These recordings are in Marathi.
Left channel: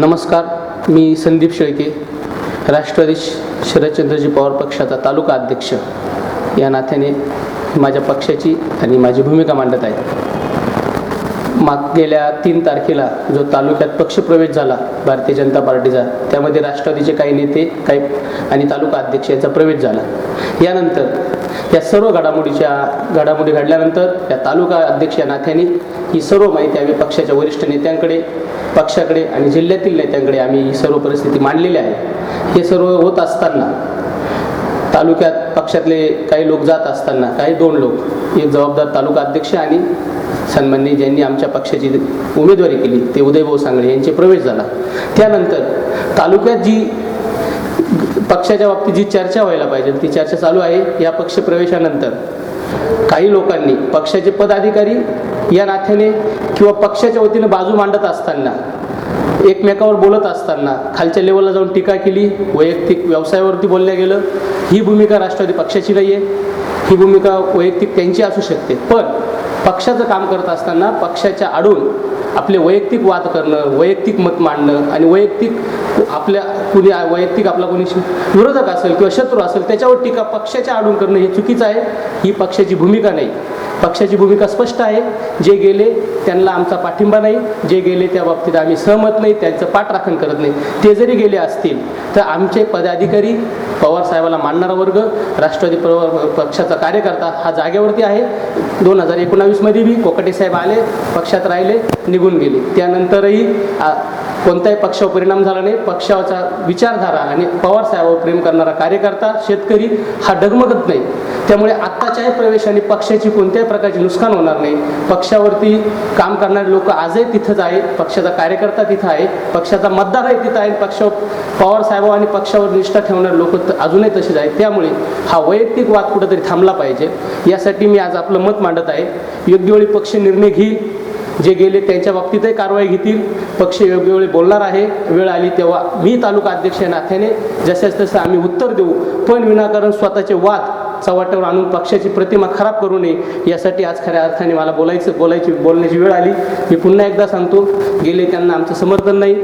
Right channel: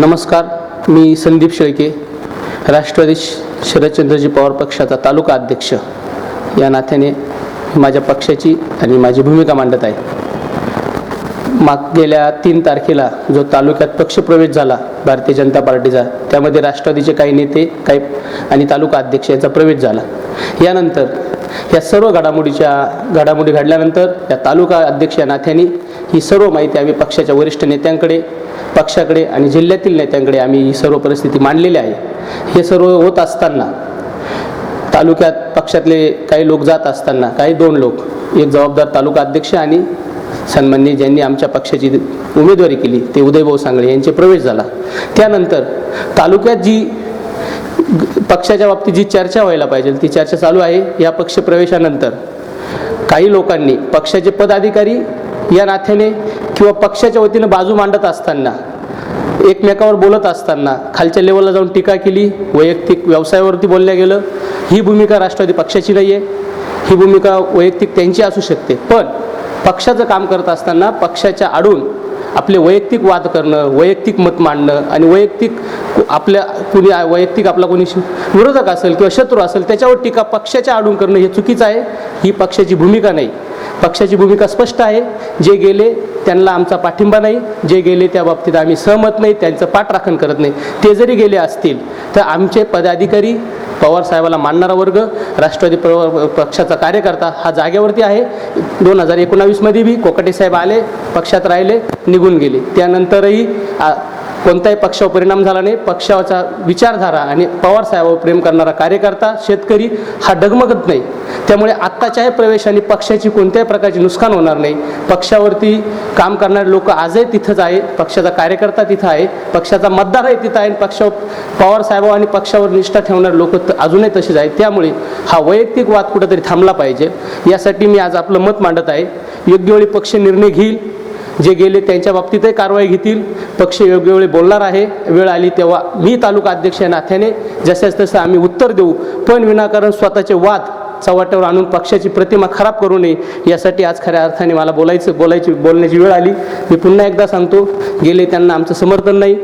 नमस्कार मी संदीप शेळके राष्ट्रवादी शरदचंद्रजी पवार पक्षाचा तालुका अध्यक्ष. या नात्याने माझ्या पक्षाची आणि माझी भूमिका मांडत आहे. माग गेल्या तीन तारखेला जो तालुक्यात पक्षप्रवेश झाला भारतीय जनता पार्टीचा त्यामध्ये राष्ट्रवादीचे काही नेते काही आणि तालुका अध्यक्ष यांचा प्रवेश झाला. यानंतर या सर्व घडामोडीच्या घडामोडी घडल्यानंतर या तालुका अध्यक्ष या नात्याने ही सर्व माहिती आम्ही पक्षाच्या वरिष्ठ नेत्यांकडे पक्षाकडे आणि जिल्ह्यातील नेत्यांकडे आम्ही ही सर्व परिस्थिती मांडलेली आहे. हे सर्व होत असताना तालुक्यात पक्षातले काही लोक जात असताना काही दोन लोक एक जबाबदार तालुका अध्यक्ष आणि सन्माननी ज्यांनी आमच्या पक्षाची उमेदवारी केली ते उदयभाऊ सांगळे यांचे प्रवेश झाला. त्यानंतर तालुक्यात जी पक्षाच्या बाबतीत जी चर्चा व्हायला पाहिजे ती चर्चा चालू आहे. या पक्ष प्रवेशानंतर काही लोकांनी पक्षाचे पदाधिकारी या नात्याने किंवा पक्षाच्या वतीने बाजू मांडत असताना एकमेकावर बोलत असताना खालच्या लेवलला जाऊन टीका केली. वैयक्तिक व्यवसायावरती बोलल्या गेलं. ही भूमिका राष्ट्रवादी पक्षाची नाही आहे ही भूमिका वैयक्तिक त्यांची असू शकते. पण पक्षाचं काम करत असताना पक्षाच्या आडून आपले वैयक्तिक वाद करणं वैयक्तिक मत मांडणं आणि वैयक्तिक आपल्या कुणी वैयक्तिक आपला कोणी विरोधक असेल किंवा शत्रू असेल त्याच्यावर टीका पक्षाच्या आडून करणं हे चुकीचं आहे. ही पक्षाची भूमिका नाही. पक्षाची भूमिका स्पष्ट आहे. जे गेले त्यांना आमचा पाठिंबा नाही. जे गेले त्या बाबतीत आम्ही सहमत नाही. त्यांचं पाठराखण करत नाही. ते जरी गेले असतील तर आमचे पदाधिकारी पवार साहेबाला मानणारा वर्ग राष्ट्रवादी पक्षाचा कार्यकर्ता हा जागेवरती आहे. दोन हजार एकोणावीसमध्ये बी कोकटे साहेब आले पक्षात राहिले निघून गेले. त्यानंतरही आ, कोणत्याही पक्षावर परिणाम झाला नाही. पक्षाचा विचारधारा आणि पवार साहेबावर प्रेम करणारा कार्यकर्ता शेतकरी हा डगमगत नाही. त्यामुळे आत्ताच्याही प्रवेशाने पक्षाची कोणत्याही प्रकारचे नुकसान होणार नाही. पक्षावरती काम करणारे लोक आजही तिथंच आहे पक्षाचा कार्यकर्ता तिथं आहे. पक्षाचा मतदारही तिथं आहे. पक्षावर पवार साहेब आणि पक्षावर निष्ठा ठेवणारे लोक अजूनही तसेच आहेत. त्यामुळे हा वैयक्तिक वाद कुठंतरी थांबला पाहिजे. यासाठी मी आज आपलं मत मांडत आहे. योग्य वेळी पक्ष निर्णय घेईल. जे गेले त्यांच्या बाबतीतही कारवाई घेतील. पक्ष योग्य वेळी बोलणार आहे. वेळ आली तेव्हा मी तालुका अध्यक्ष नाथ्याने नात्याने जसंच तसं आम्ही उत्तर देऊ पण विनाकारण स्वतःचे वाद चव्हाट्यावर आणून पक्षाची प्रतिमा खराब करू नये यासाठी आज खऱ्या अर्थाने मला बोलायचं बोलायची बोलण्याची वेळ आली. मी पुन्हा एकदा सांगतो गेले त्यांना आमचं समर्थन नाही.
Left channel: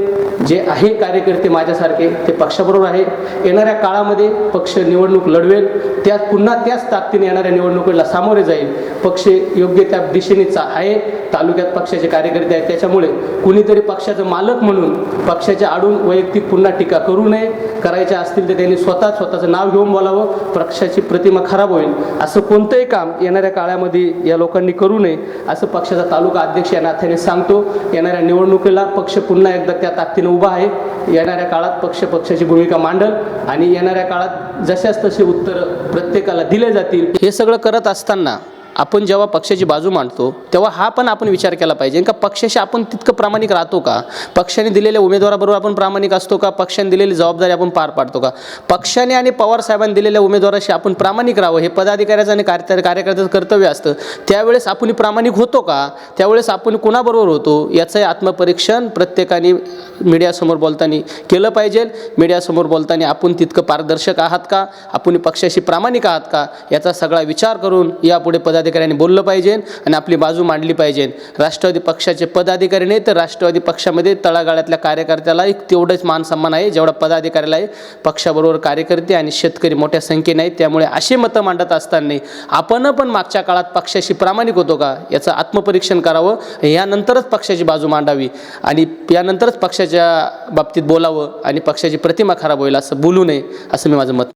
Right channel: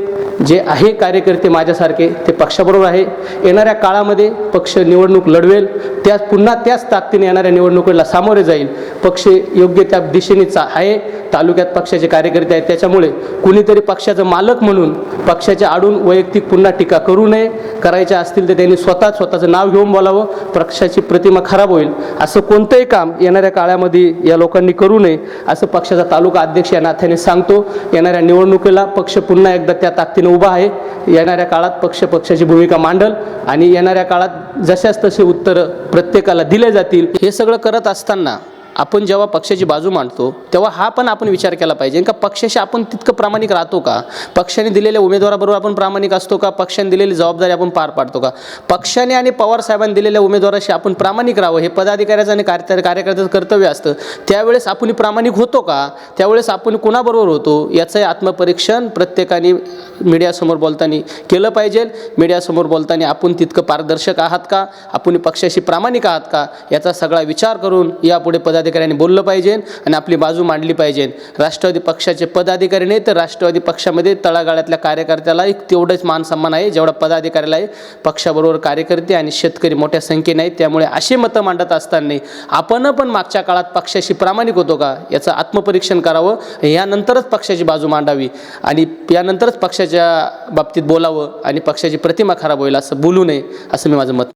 जे आहे कार्यकर्ते माझ्यासारखे ते पक्षाबरोबर आहे. येणाऱ्या काळामध्ये पक्ष निवडणूक लढवेल. त्यात पुन्हा त्याच ताकदीने येणाऱ्या निवडणुकीला सामोरे जाईल. पक्ष योग्य त्या दिशेने चा आहे. तालुक्यात पक्षाचे कार्यकर्ते आहेत. त्याच्यामुळे कुणीतरी पक्षाचं मालक म्हणून पक्षाच्या आडून वैयक्तिक पुन्हा टीका करू नये. करायच्या असतील तर त्यांनी स्वतः स्वतःचं नाव घेऊन बोलावं. पक्षाची प्रतिमा खराब होईल. असं कोणतंही काम येणाऱ्या काळामध्ये या लोकांनी करू नये असं पक्षाचा तालुका अध्यक्ष या नाथ्याने सांगतो. येणाऱ्या निवडणुकीला पक्ष पुन्हा एकदा त्या ताकदीने उभा आहे. येणाऱ्या काळात पक्ष पक्षाची भूमिका मांडल आणि येणाऱ्या काळात जशाच तसे उत्तर प्रत्येकाला दिले जातील. हे सगळं करत असताना आपण जेव्हा पक्षाची बाजू मांडतो तेव्हा हा पण आपण विचार केला पाहिजे. का पक्षाशी आपण तितकं प्रामाणिक राहतो का? पक्षाने दिलेल्या उमेदवाराबरोबर आपण प्रामाणिक असतो का? पक्षाने दिलेली जबाबदारी आपण पार पाडतो का? पक्षाने आणि पवार साहेबांनी दिलेल्या उमेदवाराशी आपण प्रामाणिक राहावं हे पदाधिकाऱ्याचं आणि कार्य कार्यकर्त्याचं कर्तव्य असतं. त्यावेळेस आपण प्रामाणिक होतो का? त्यावेळेस आपण कुणाबरोबर होतो? याचं आत्मपरीक्षण प्रत्येकाने मीडियासमोर बोलताना केलं पाहिजे. मीडियासमोर बोलताना आपण तितकं पारदर्शक आहात का? आपण पक्षाशी प्रामाणिक आहात का? याचा सगळा विचार करून यापुढे पदाधिकाऱ्यांनी बोललं पाहिजे आणि आपली बाजू मांडली पाहिजे. राष्ट्रवादी पक्षाचे पदाधिकारी नाही तर राष्ट्रवादी पक्षामध्ये तळागाळातल्या कार्यकर्त्याला एक तेवढंच मान सन्मान आहे जेवढा पदाधिकाऱ्याला आहे पक्षाबरोबर कार्यकर्ते आणि शेतकरी मोठ्या संख्येने आहेत. त्यामुळे असे मतं मांडत असताना आपण पण मागच्या काळात पक्षाशी प्रामाणिक होतो का? याचं आत्मपरीक्षण करावं यानंतरच पक्षाची बाजू मांडावी. आणि यानंतरच पक्षाची पक्षाच्या बाबतीत बोलावं आणि पक्षाची प्रतिमा खराब होईल असं बोलू नये असं मी माझं मत